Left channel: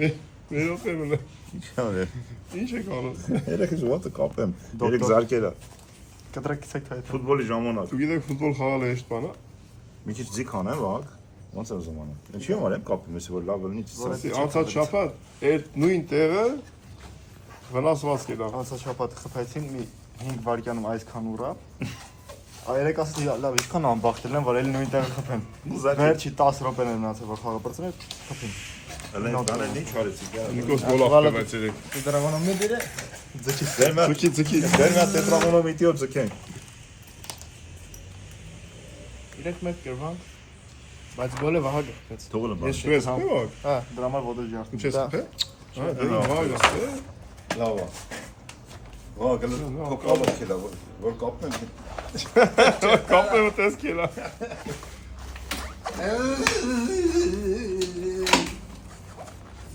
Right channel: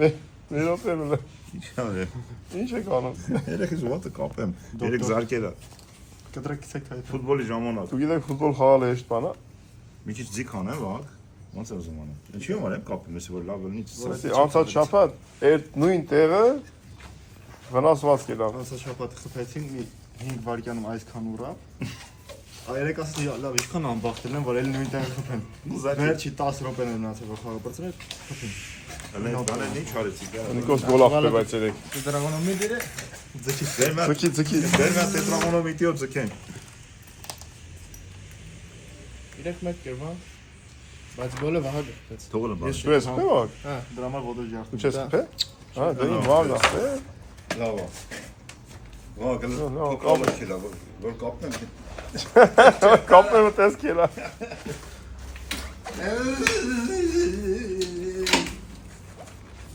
Մի րոպե։ Ինչ արել։ Ինչ եք անում։ Երեքս ոտը կապեմ։ Երեք զարկերա։ Կտրակցեք այդ։ Ֆուտբոլի ժամանակ։ Դու գիտեք ֆուտբոլ խաղալ է Իսպանա։ Մի քիչ ձիգ անեմ, վաղ։ Ոնց է ուզում անեմ։ Ինչի՞ համար եմ կապում, ես որ լավ լինի։ Ասի անցած շաբաթ այդ նույն տեղը վնասված կերավ։ Անցած շաբաթ խփեցին մի 5 վայրկյանում այսքան ուրա։ Երեք ասացի լավ, ինչքան անբախտել եմ, որ էլի նույն տեղը խփեմ։ Վերջի 10 րոպեներ մնացել որ խաղը բրծրել, խփին։ Ալեն ինչ արեցի, գա։ Նիկոս գոլավ կբաց երեք։ Դրագոնոմետրը ձգի։ Ձգի։ Դերմա տետրամոնոմետրով ձգենք։ 3 մետր բան։ Բայց գոլը վահա գտեց։ Թողել եմ։ Ես ես փող։ Հա, դրա համար ոտը ջարդում։ Ինչ ես թե։ Հա, դու վաղ ես։ Լավ է։ වා գլը փոքրով քելա, որ կապնեմ։ Կապը տեսքելա։